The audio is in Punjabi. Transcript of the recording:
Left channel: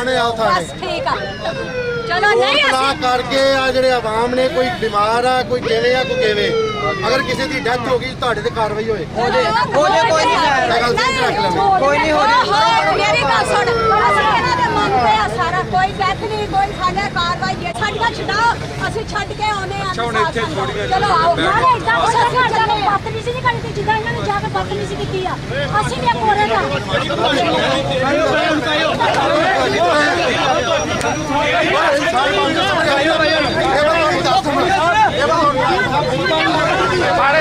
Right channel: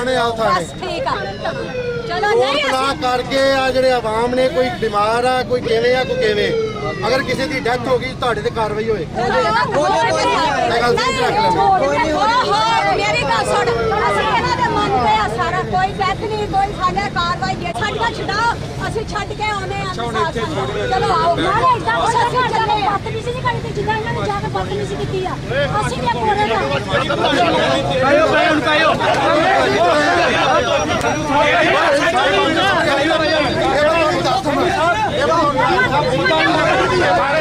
थाने आओ थाने बस ठीक है चलो नहीं तलाक करके आ ਜਿਹੜੇ ਆਵਾਮ ਨੇ ਕੋਈ ਬਿਮਾਰ ਆ ਕੋਈ ਕਿਵੇਂ ਆ ਕੋਈ ਕਿਵੇਂ ਅਗਰ ਕਿਸੇ ਦੀ ਡੈਥ ਹੋ ਗਈ ਤੁਹਾਡੇ ਤੇ ਕਾਰਵਾਈ ਹੋਏ ਕੋਈ ਨਹੀਂ ਮੇਰੀ ਗੱਲ ਸੁਣ ਅਸੀਂ ਇਹਨਾਂ ਦੇ ਮੰਨਦੇ ਆ ਸਾਰਾ ਕੋਈ ਡੈਥ ਨਹੀਂ ਕੋਈ ਸਾਡੇ ਕਾਰਵਾਈ ਜੇ ਸਾਡੀਆਂ ਛਡਾਓ ਅਸੀਂ ਛੱਡ ਕੇ ਆਉਨੇ ਆ ਚਲੋ ਆਓ ਨਾਲੇ ਇਦਾਂ ਅਸੀਂ ਚੱਲੇ ਬਦਤਮੀਜ਼ੀ ਨਹੀਂ ਕਰਨੀ ਜਿੱਦਾਂ ਇਹਨਾਂ ਨੇ ਜਾ ਕੇ ਬਦਤਮੀਜ਼ੀ ਕੀਤੀ ਆ ਅਸੀਂ ਵੀ ਕੋਰੇ ਦਾ ਸਾਰੇ